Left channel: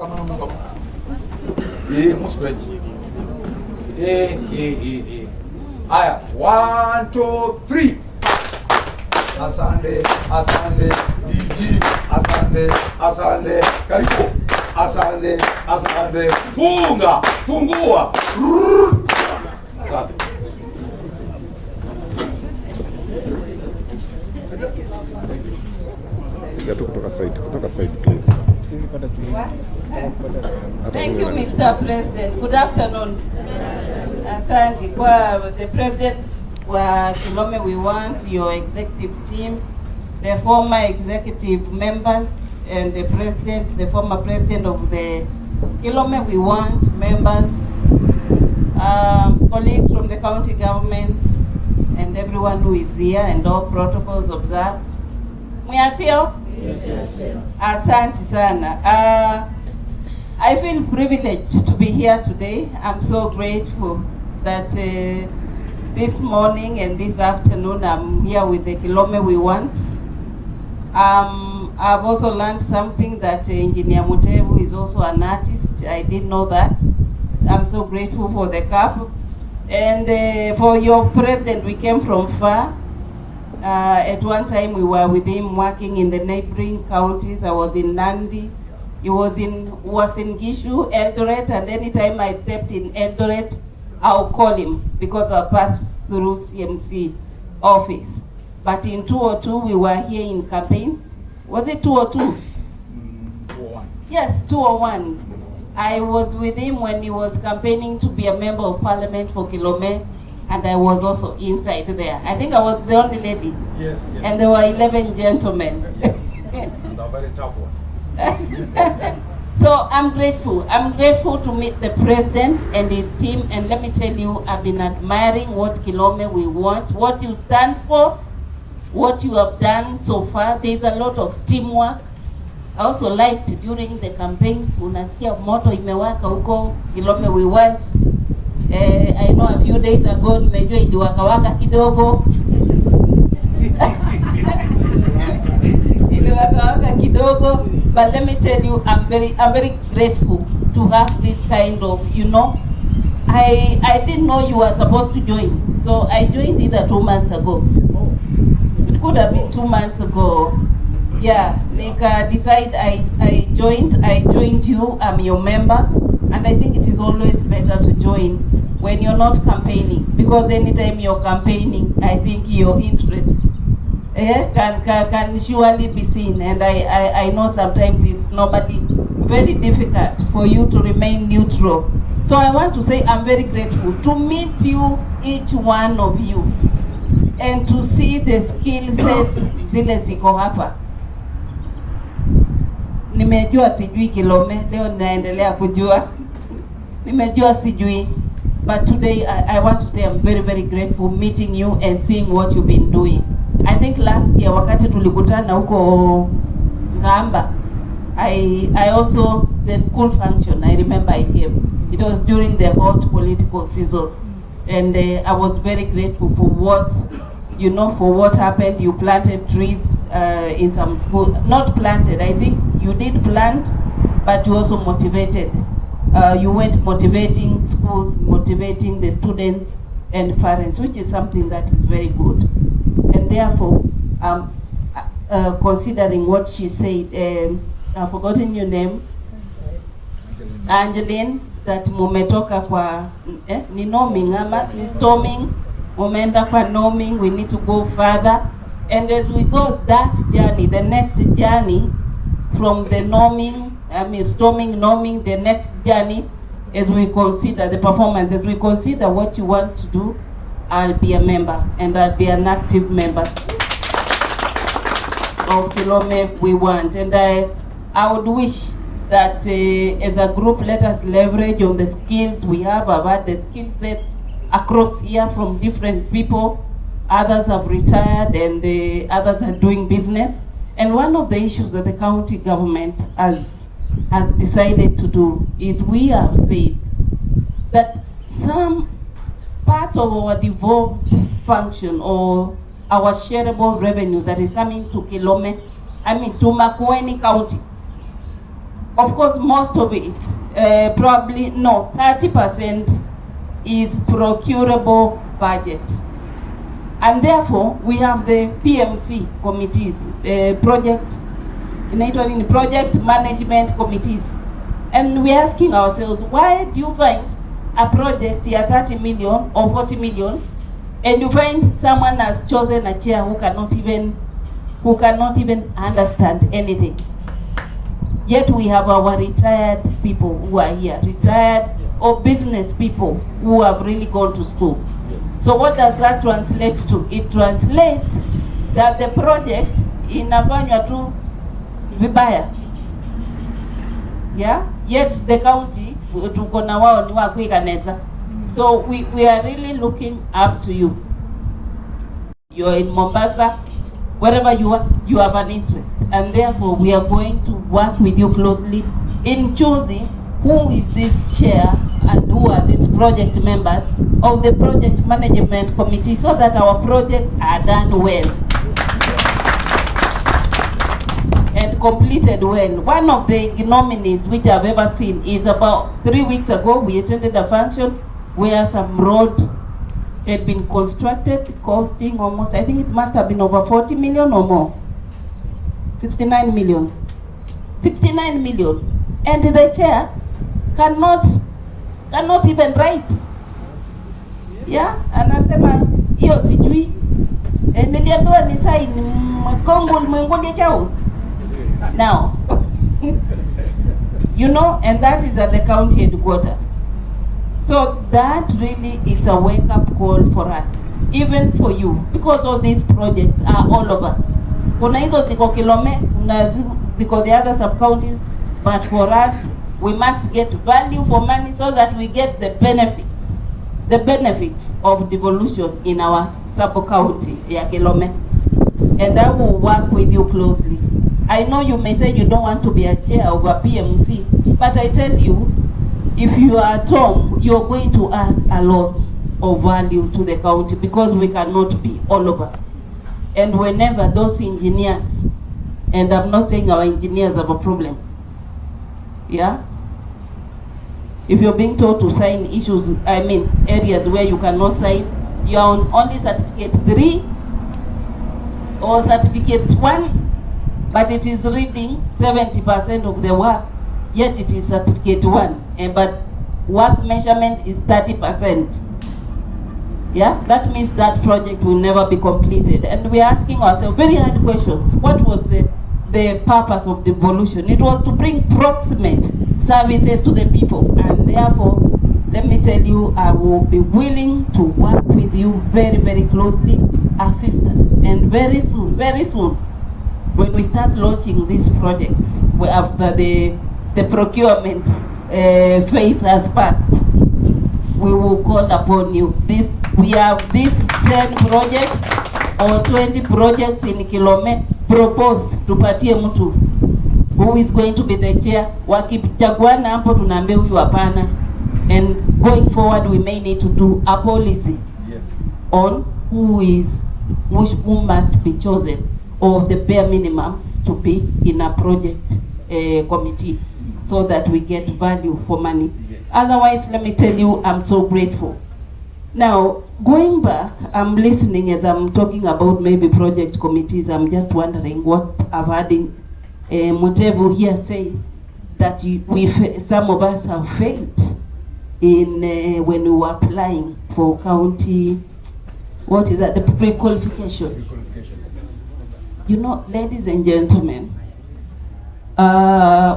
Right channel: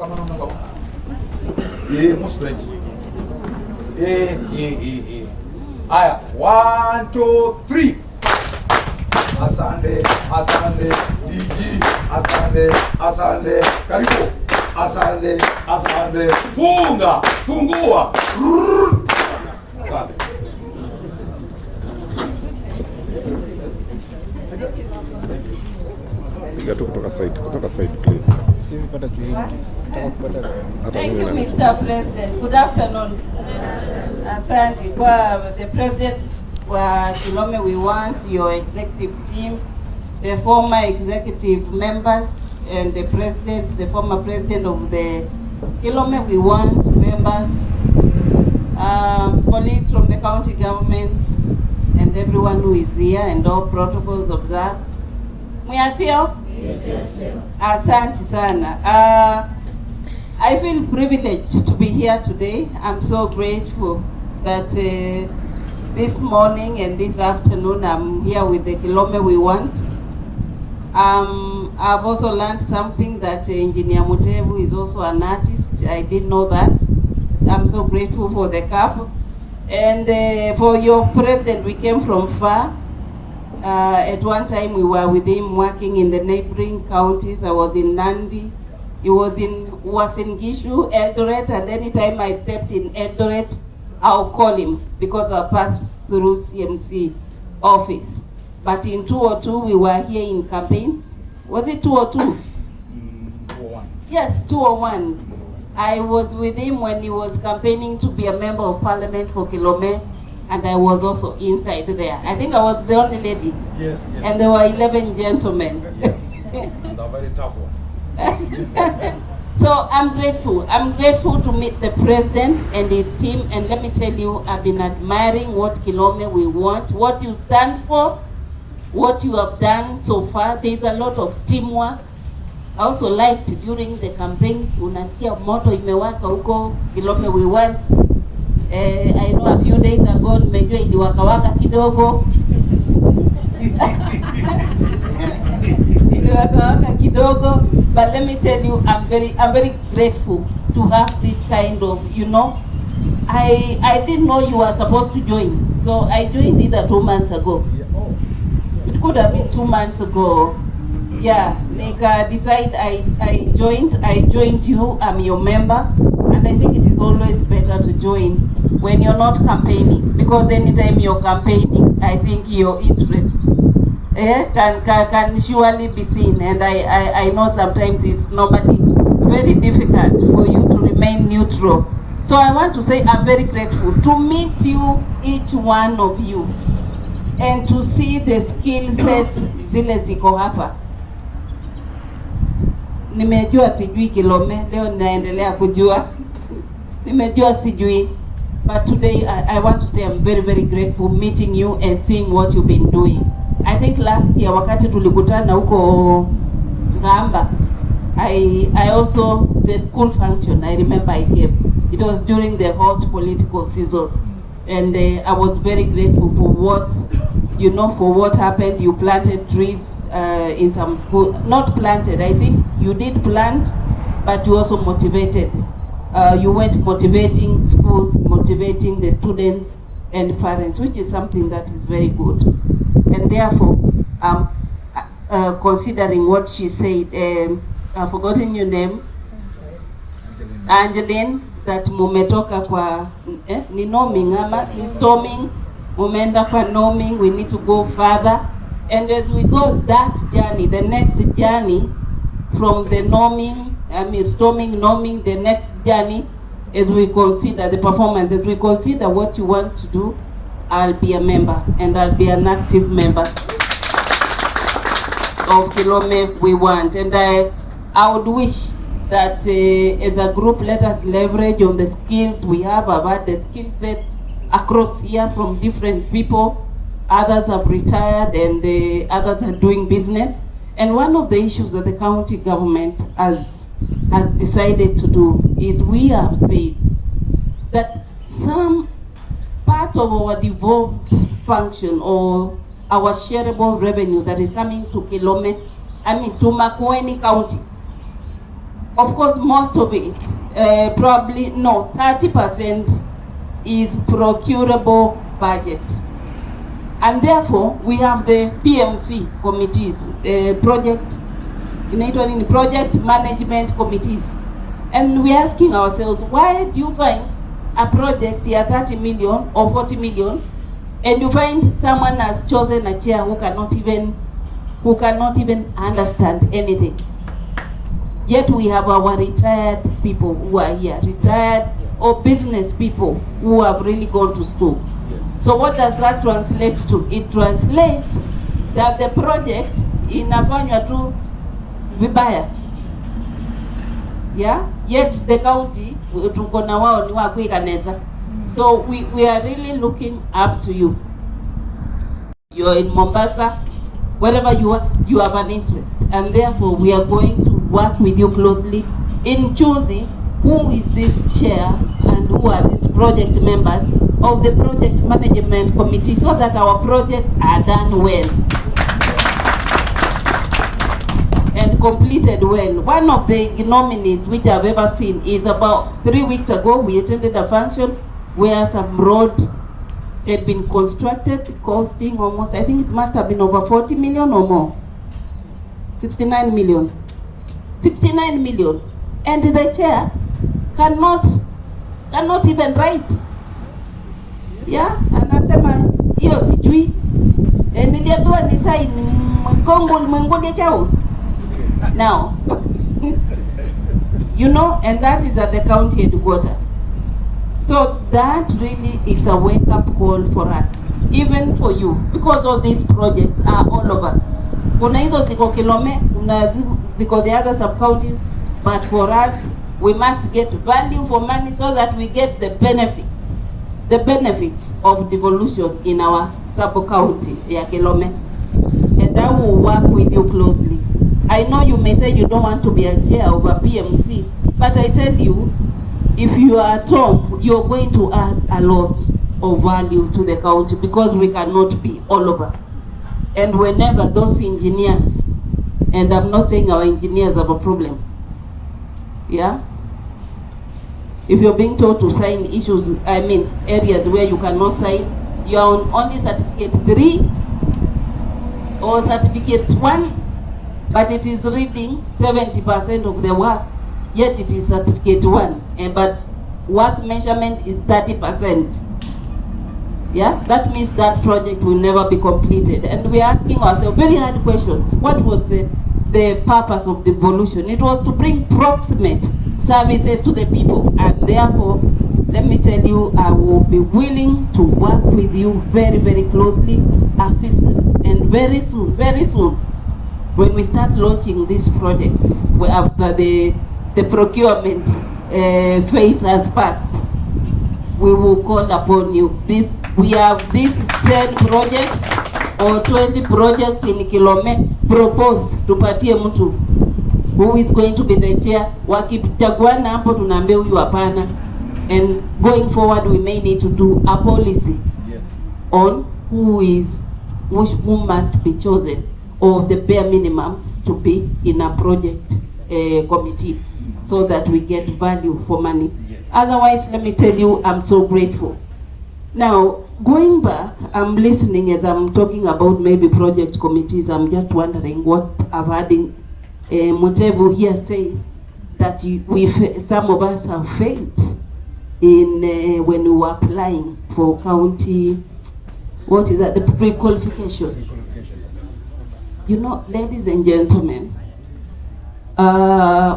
Aya, 1, 2, 3. Asante, asante, DG, asante, asante, karibu. Asante, asante, funga, fungua. Asante. Piga tu kutoka side please. Thank you, Mr. President. Good afternoon. Asante kwa the President wa Kilome We Want, your executive team, the former executive members, and the President, the former President of the Kilome We Want members, colleagues from the county government, and everyone who is here, and all protocols observed. Mwasio? Yes. Asante sana. I feel privileged to be here today. I'm so grateful that this morning and this afternoon I'm here with the Kilome We Want. I've also learned something that Engineer Mutebu is also an artist. I didn't know that. I'm so grateful for the couple. And for your president, we came from far. At one time we were with him working in the neighboring counties. I was in Nandi. He was in Gishu, Eldoret, and anytime I stepped in Eldoret, I'll call him because I passed through CMC office. But in 2002, we were here in campaigns. Was it 2002? 201. Yes, 201. I was with him when he was campaigning to be a member of parliament for Kilome, and I was also inside there. I think I was the only lady. Yes. And there were 11 gentlemen. And a very tough one. So I'm grateful. I'm grateful to meet the president and his team. And let me tell you, I've been admiring what Kilome We Want, what you stand for, what you have done so far. There's a lot of teamwork. I also liked during the campaigns, unasikia moto imewaka huko Kilome We Want. I know a few days ago, nimejua iliwakawaka kidogo. Iliwakawaka kidogo. But let me tell you, I'm very grateful to have this kind of, you know, I didn't know you were supposed to join. So I joined either 2 months ago. It could have been 2 months ago. Yeah, like decide I joined you, I'm your member, and I think it is always better to join when you're not campaigning, because anytime you're campaigning, I think your interests can surely be seen, and I know sometimes it's very difficult for you to remain neutral. So I want to say I'm very grateful to meet you, each one of you, and to see the skill sets zile ziko hapa. Nimejua sijui Kilome, leo naendelea kujua. Nimejua sijui. But today I want to say I'm very grateful meeting you and seeing what you've been doing. I think last year wakati tulikutana huko Ngamba, I also, the school function, I remember I came. It was during the hot political season. And I was very grateful for what, you know, for what happened. You planted trees in some schools. Not planted, I think you did plant, but you also motivated. You went motivating schools, motivating the students and parents, which is something that is very good. And therefore, considering what she said, I've forgotten your name, Angeline, that mumetoka kwa ni norming ama ni storming, mumeenda kwa norming, we need to go further. And as we go that journey, the next journey from the norming, storming, norming, the next journey, as we consider the performance, as we consider what you want to do, I'll be a member, and I'll be an active member of Kilome We Want. And I would wish that as a group, let us leverage on the skills we have. I've had the skill sets across here from different people. Others have retired, and others are doing business. And one of the issues that the county government has decided to do is we have said that some part of our devolved function or our shareable revenue that is coming to Kilome, to Makueni County, Of course, most of it, probably, no, 30% is procurable budget. And therefore, we have the PMC committees, project management committees. And we're asking ourselves, why do you find a project here 30 million or 40 million, and you find someone has chosen a chair who cannot even understand anything? Yet we have our retired people who are here, retired or business people who have really gone to school. Yes. So what does that translate to? It translates that the project inafanywa tu vibaya. Yeah? Yet the county, tuko na wao ni wa kuikaneza. So we are really looking up to you. You're in Mombasa, wherever you are, you have an interest. And therefore, we are going to work with you closely in choosing who is this chair and who are these project members of the project management committee, so that our projects are done well and completed well. One of the nominees which I've ever seen is about 3 weeks ago, we attended a function where some road had been constructed, costing almost, I think it must have been over 40 million or more. 69 million. 69 million. And the chair cannot even write. Yeah, anasema hiyo sijui. Niliambiwa ni sign Kongo mwengolia chao. Now, you know, and that is at the county headquarters. So that really is a wake-up call for us, even for you, because all these projects are all over. Kuna hizo ziko Kilome, kuna ziko the other sub-counties, but for us, we must get value for money so that we get the benefits of devolution in our sub-county, ya Kilome. And I will work with you closely. I know you may say you don't want to be a chair of a PMC, but I tell you, if you are at home, you're going to add a lot of value to the county, because we cannot be all over. And whenever those engineers, and I'm not saying our engineers have a problem, yeah? If you're being told to sign issues, I mean areas where you cannot sign, you're on only certificate 3 or certificate 1, but it is reading 70% of the work, yet it is certificate 1, but work measurement is 30%. Yeah, that means that project will never be completed. And we're asking ourselves very hard questions. What was the purpose of devolution? It was to bring proximate services to the people, and therefore, let me tell you, I will be willing to work with you very, very closely, assist us, and very soon, when we start launching these projects, after the procurement phase has passed, we will call upon you. We have these 10 projects or 20 projects in Kilome proposed, tupatie mtu who is going to be the chair. Wakichaguana hapo tunaambia huyu hapana. And going forward, we may need to do a policy on who must be chosen, of the bare minimums to be in a project committee, so that we get value for money. Otherwise, let me tell you, I'm so grateful. Now, going back, I'm listening as I'm talking about maybe project committees. I'm just wondering what I've had in Mutevu here say that some of us have failed in when we were applying for county, what is that, the pre-qualification. You know, ladies and gentlemen,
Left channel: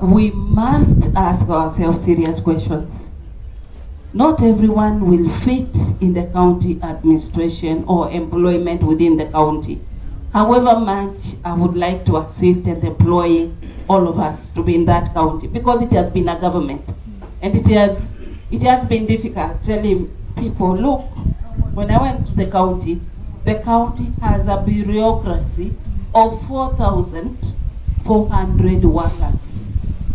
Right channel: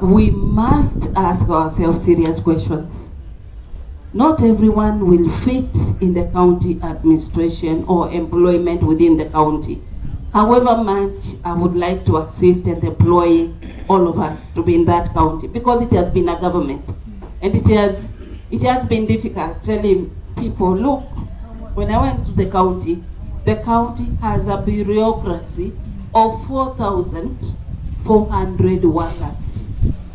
we must ask ourselves serious questions. Not everyone will fit in the county administration or employment within the county. However much I would like to assist and employ all of us to be in that county, because it has been a government, and it has been difficult telling people, look, when I went to the county has a bureaucracy of 4,400 workers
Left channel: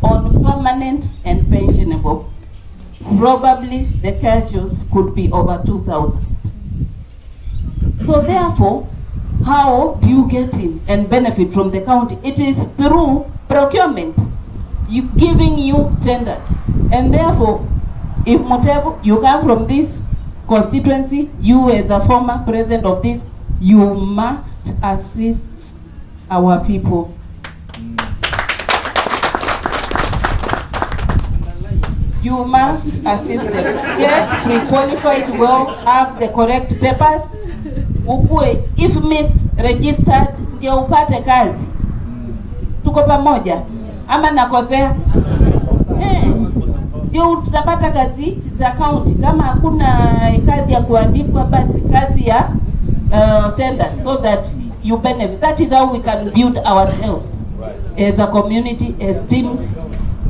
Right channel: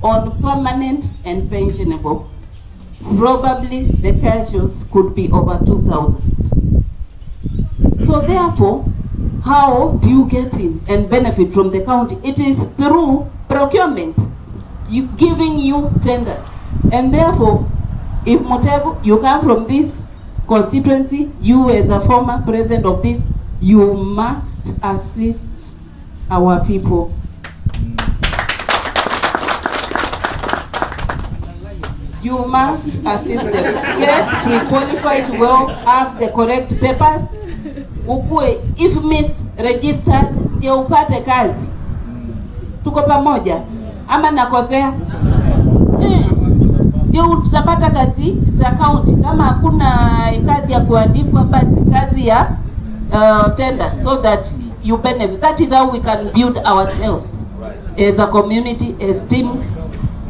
on permanent and pensionable. Probably the casuals could be over 2,000. So therefore, how do you get in and benefit from the county? It is through procurement. giving you tenders. And therefore, if Mutevu, you come from this constituency, you as a former president of this, you must assist our people. You must assist them. Get pre-qualified well, have the correct papers. Ukue, if misregistered, ndio upate kazi. Tuko pamoja? Ama nakosea? Ndio utapata kazi za county. Kama hakuna kazi ya kuandikwa, basi kazi ya tender, so that you benefit. That is how we can build ourselves as a community, as teams,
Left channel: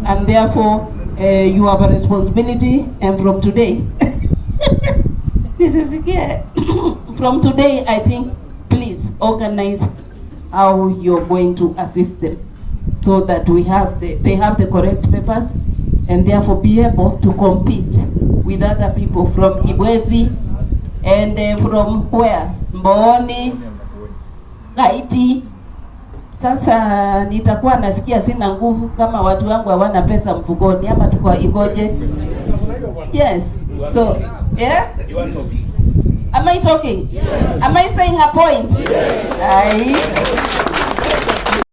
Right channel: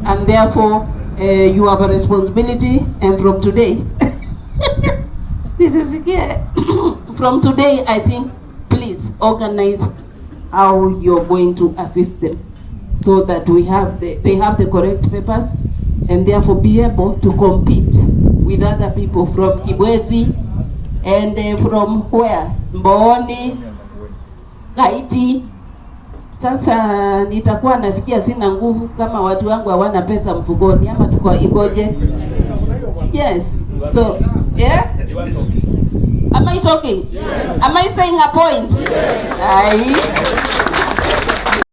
and therefore you have a responsibility. And from today, this is here. From today, I think, please organize how you're going to assist them, so that they have the correct papers, and therefore be able to compete with other people from Kibwezi and from where? Mboni, Haiti. Sasa nitakuwa nasikia sina nguvu kama watu wangu hawana pesa mfukoni, ama tuko ikoje? Yes. So, yeah? Am I talking? Am I saying a point? Yes.